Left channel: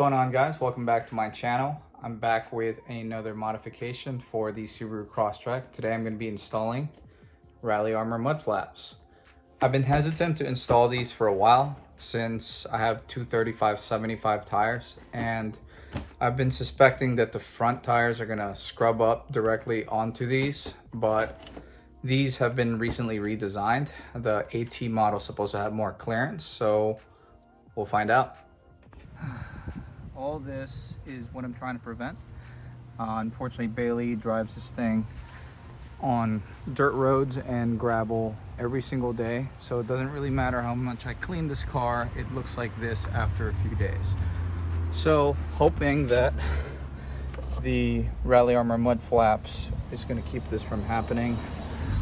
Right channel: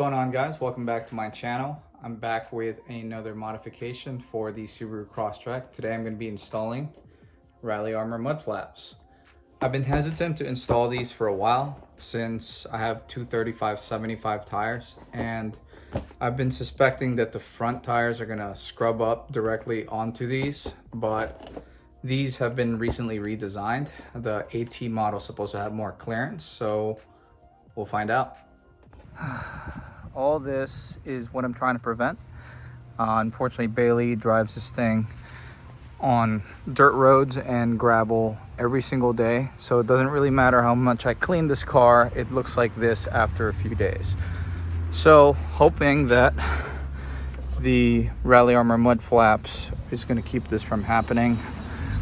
going on, guys? Welcome back to my channel. I'm back with another modification for the Subaru Crosstrek. Today I'm going to be installing Rally Armor mud flaps. I've been hesitant to install these for a while since I have two 35/75 tires, and I've been suspecting that the front tires are going to scrub up directly onto these, but these have been recently redesigned. The AT model is supposed to have more clearance, so we'll find out. All this is what I'm trying to prevent. Unfortunately, Bailey drives this thing on dirt roads and gravel every single day, so it doesn't really matter how much I clean this car, it looks like this after a few days. So hoping that the Rally Armor mud flaps is going to keep this from happening.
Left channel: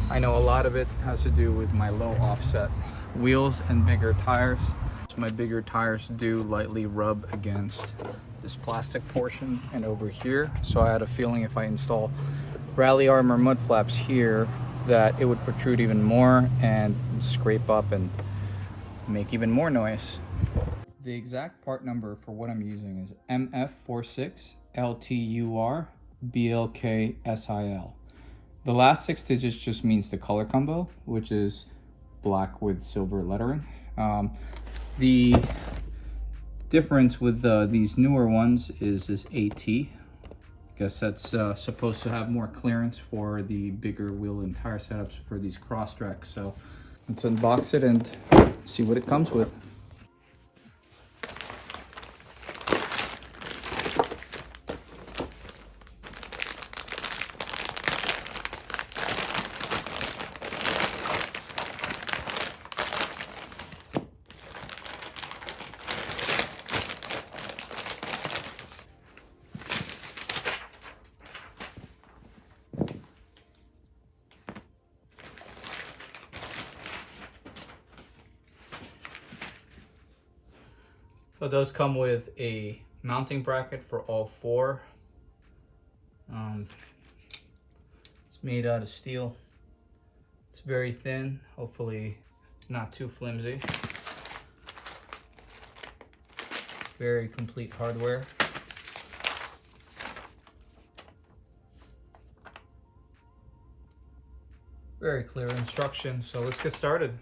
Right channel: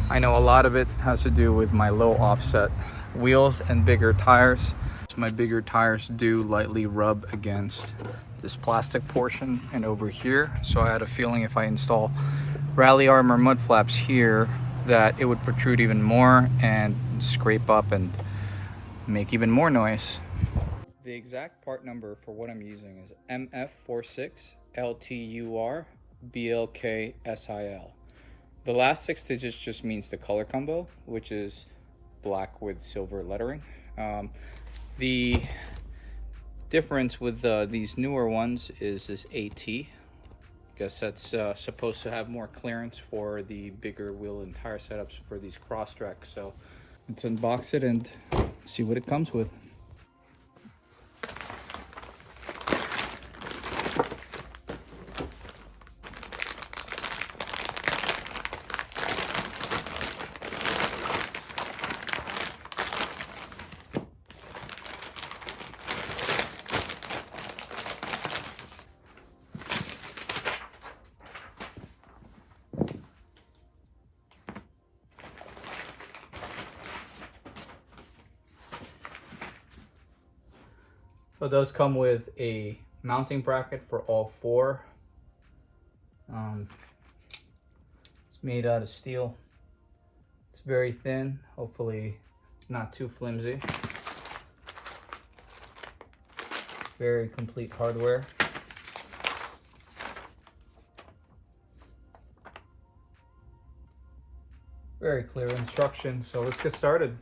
I know a lot of it has to do with my low offset wheels and bigger tires. My bigger tires do lightly rub against this plastic portion and over here, so I had a feeling if I install Rally Armor mud flaps here that it would protrude even more and scrape up and make even more noise. The exact part number for what I'm using is MF46LTUR-BLKSIL. The last 6 digits just means the color combo, which is black with silver lettering. The difference with these newer ones is this AT. I guess that's supposed to have more clearance for the bigger wheel and tire setups for these Crosstreks. So let's unbox it and see what it comes with. So it does come with a mounting bracket for all 4. It's made out of steel. It's very thin, hopefully not too flimsy. Very complete hardware. Very clear instructions, so let's get started.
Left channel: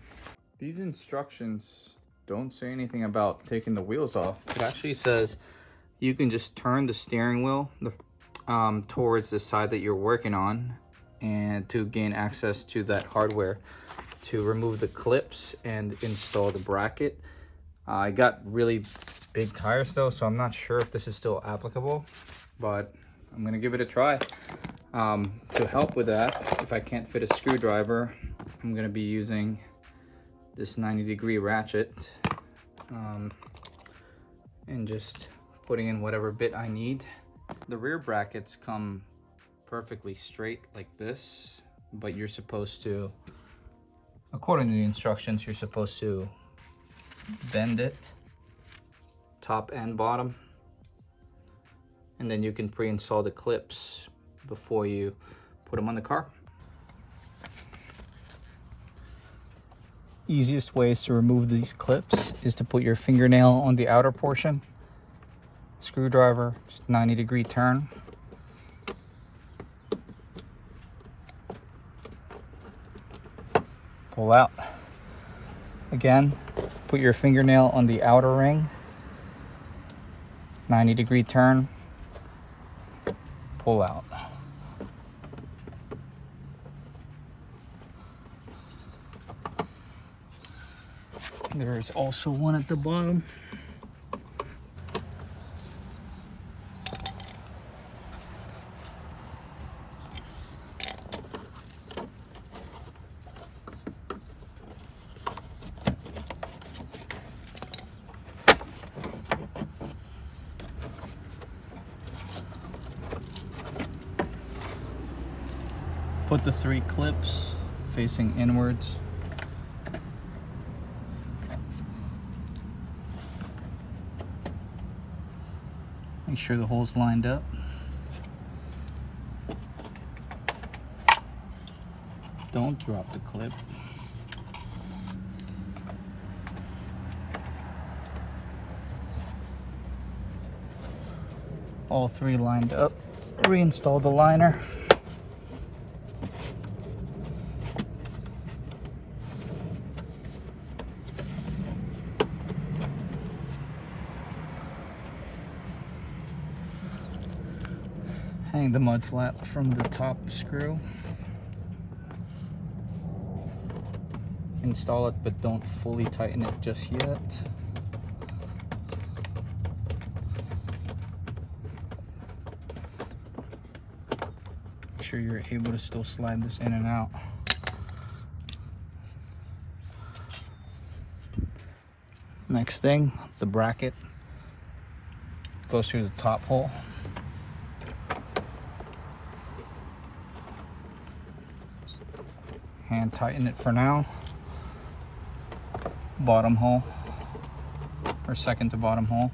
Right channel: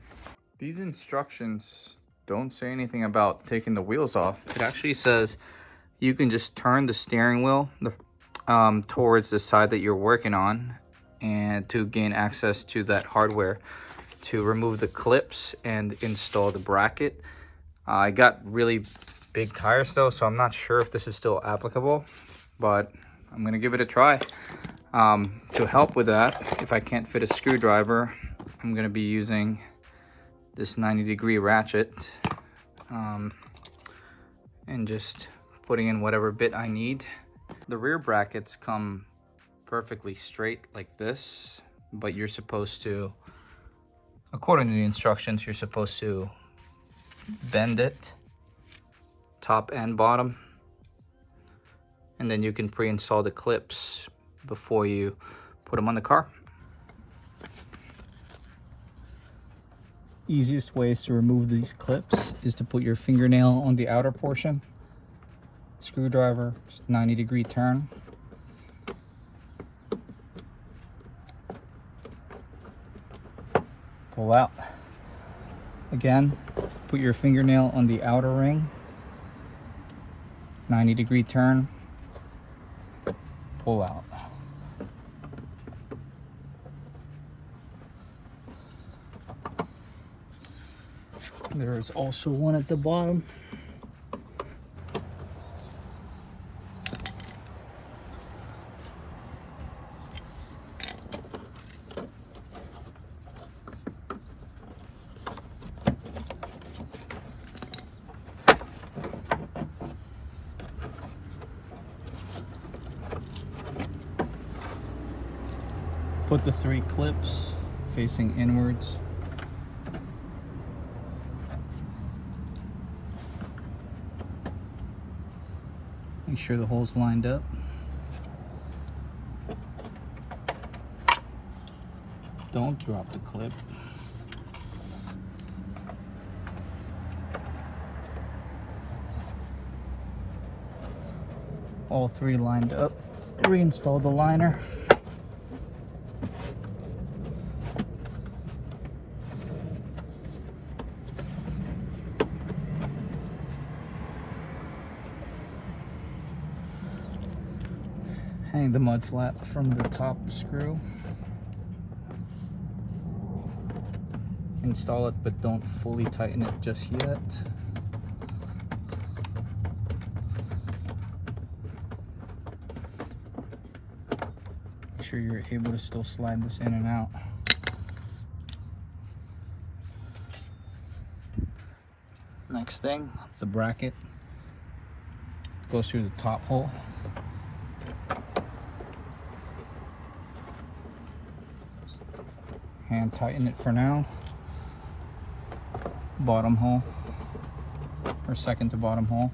These instructions don't say anything about taking the wheels off. It actually says you can just turn the steering wheel towards the side that you're working on and to gain access to that hardware to remove the clips and install the bracket. I got really big tires though, so I'm not sure if this is still applicable, but I'm gonna give it a try. To help with that, if I can't fit a screwdriver, I'm gonna be using this 90-degree ratchet and just putting in whatever bit I need. The rear brackets come perfectly straight like this, but you're supposed to, according to the instructions, you're supposed to bend it top and bottom, and then you can pre-install the clips before you put them on the car. Easiest ways to remove these clips is to put your fingernail on the outer portion, screwdriver, just 90-degree turn. Pull out. Again, put your fingernail on the outer ring, 90-degree turn, pull out. There is also one at the bottom. Put the 3 clips facing inwards. Make sure the hole's lined up. Don't drop the clip. All three lined up. Reinstall the liner. Hang the mud flap from the top screw. Install it, but don't fully tighten it just yet. Make sure you're able to still slide this in and out. Next thing, the bracket goes through the top hole. Hand tighten it for now. Bottom hole, or second to bottom hole.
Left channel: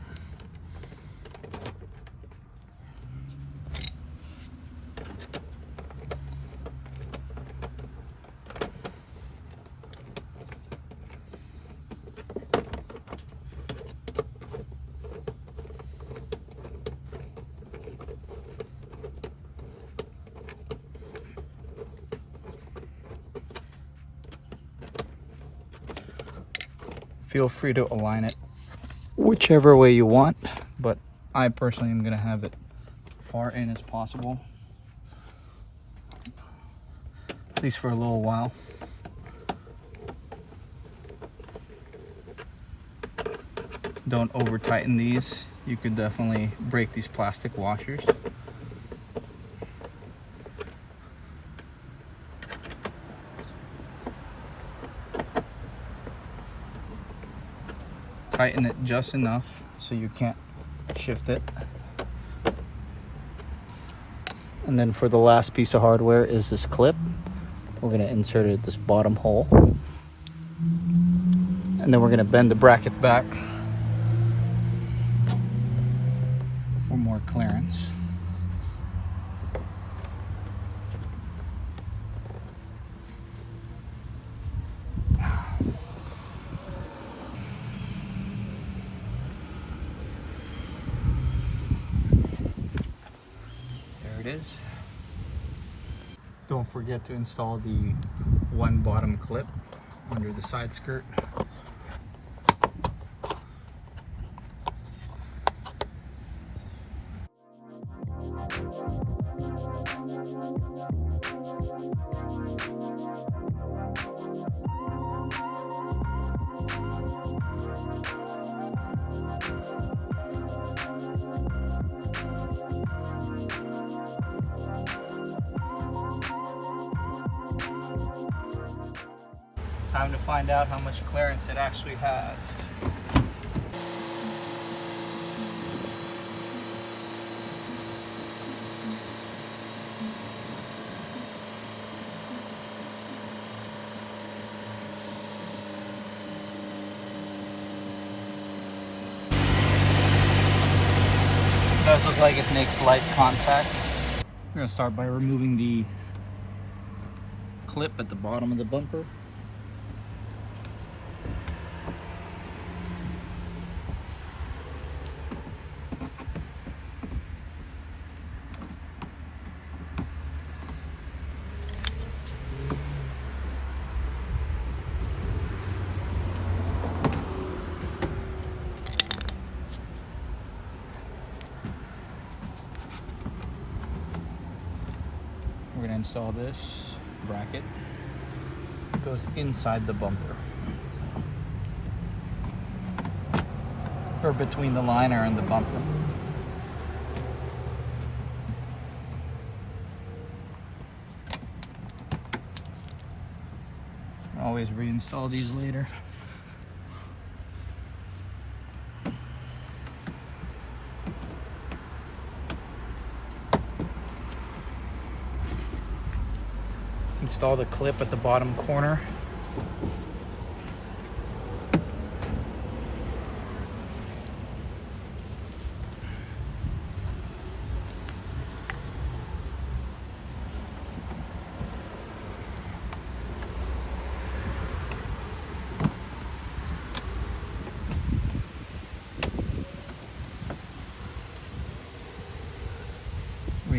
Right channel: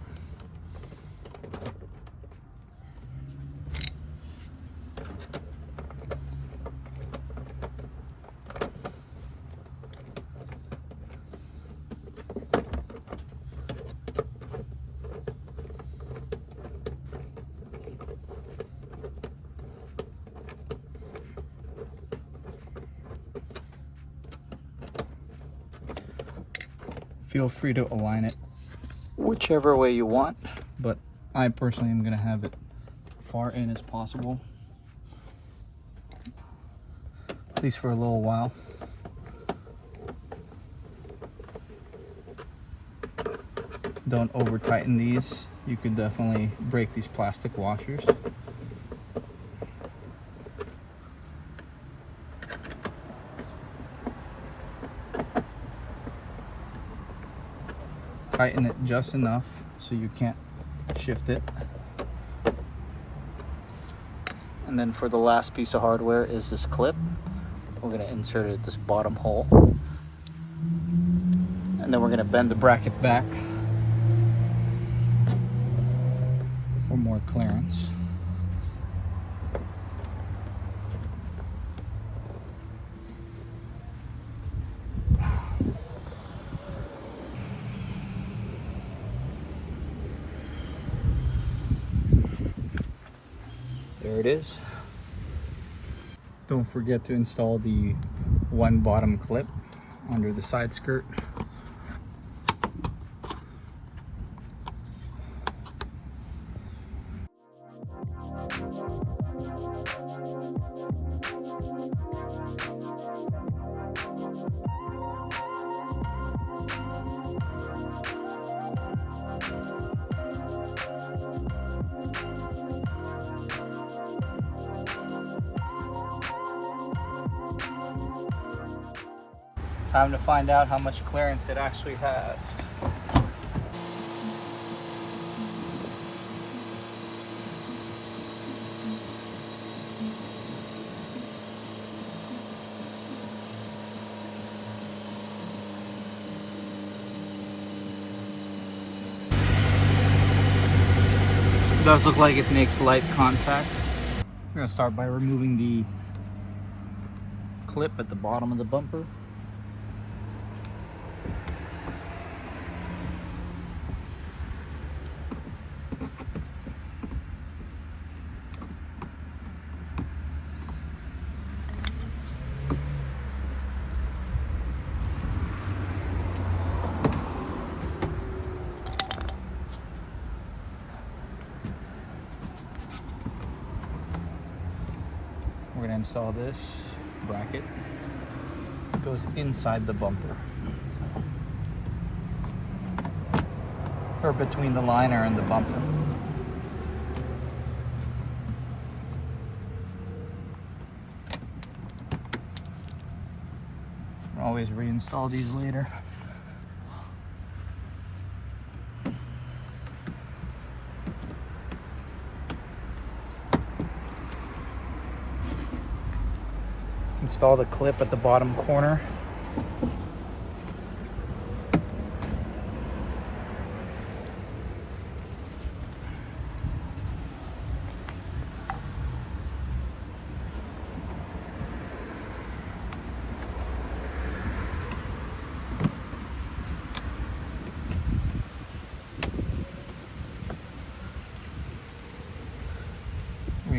Feel free to align it whichever way you want, but I personally am going to have it far in as possible, at least for a little while. Don't over tighten these. You could definitely break these plastic washers. Tighten it just enough so you can't shift it. And then for the last piece of hardware is this clip. We're going to insert it at this bottom hole. And then we're going to bend the bracket back for more clearance. There it is. Don't forget to install the one bottom clip under the side skirt. Time to find out how much clearance it actually has. It does look like it makes light contact. We're going to start by removing the clip at the bottom of the bumper. We're going to install this bracket. It goes inside the bumper, or between the liner and the bumper. Always reinstall these later. Install the clip at the bottom corner.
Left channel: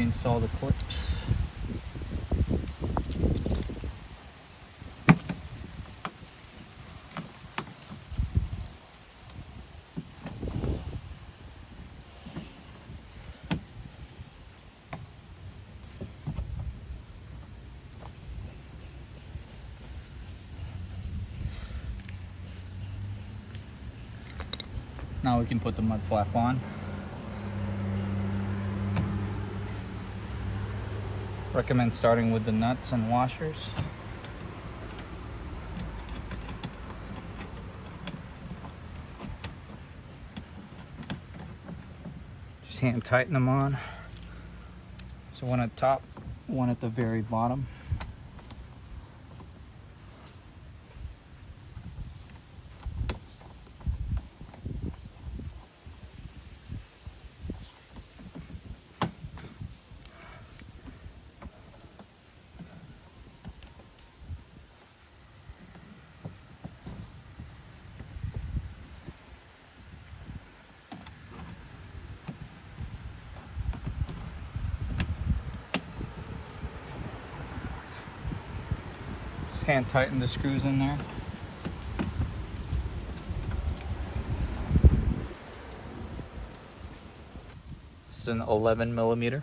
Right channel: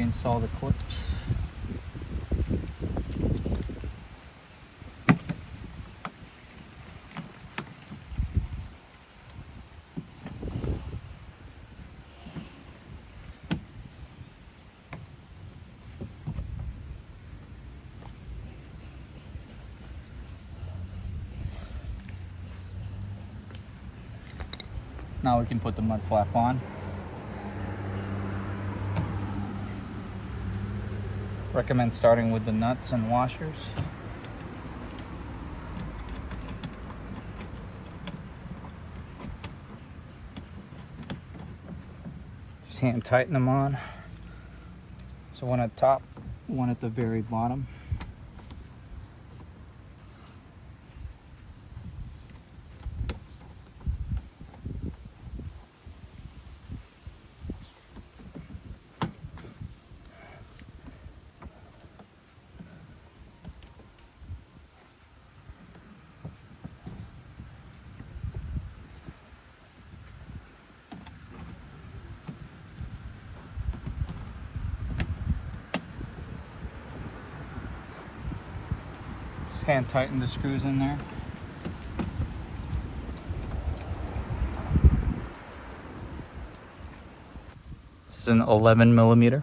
reinstall the clips. Now we can put the mud flap on. Recommend starting with the nuts and washers. Just hand tighten them on. So one at the top, one at the very bottom. Hand tighten the screws in there. This is an 11mm.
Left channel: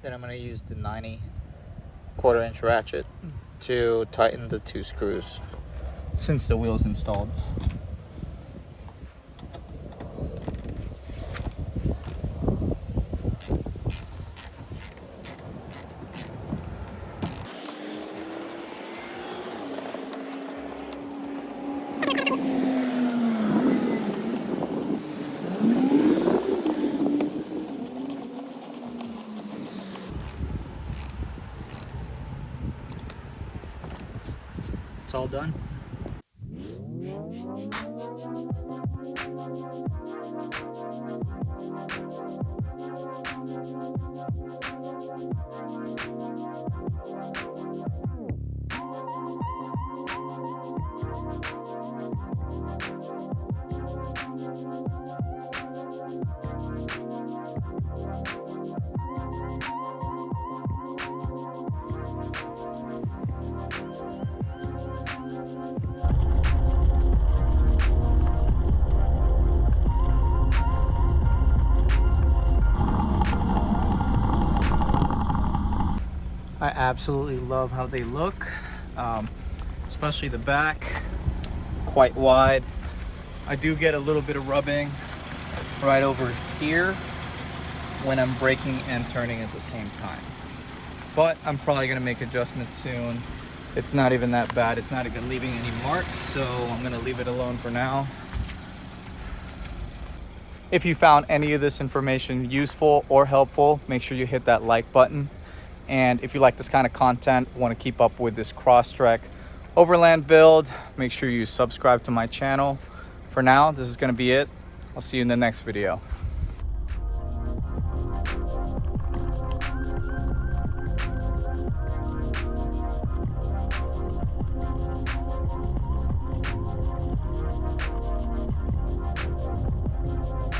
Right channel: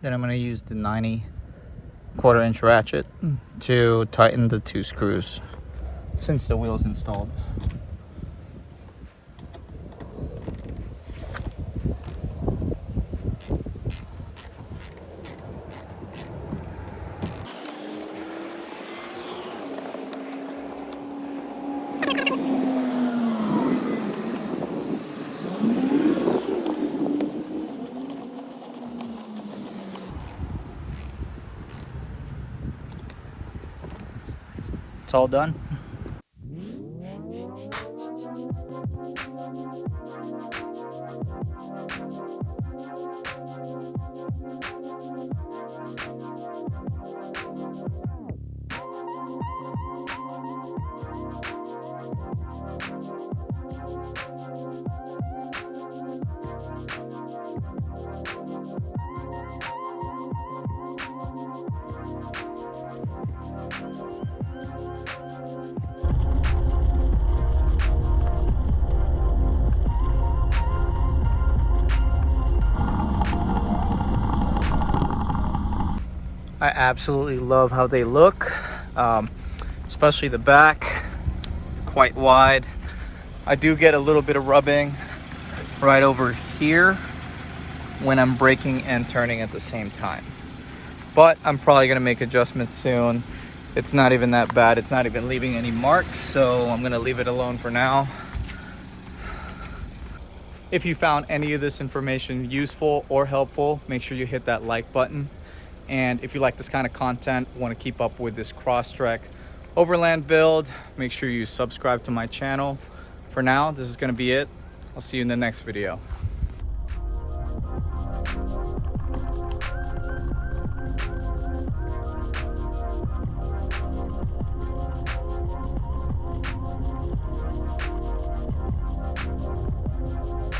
Then I'm going to use the 90 1/4" ratchet to tighten the 2 screws since the wheel's installed. It's all done. I absolutely love how they look, especially the back, quite wide. I do get a little bit of rubbing right over here when I'm braking and turning at the same time. But I'm probably gonna make adjustments soon. It's not even that bad. It's not even leaving any marks, so I'm gonna leave it alone for now. If you found any of this information useful or helpful, make sure you hit that like button. And if you like this kind of content, want to keep up with this Crosstrek overland build, make sure you subscribe to my channel. For now, this is going to be it. I'll see you in the next video.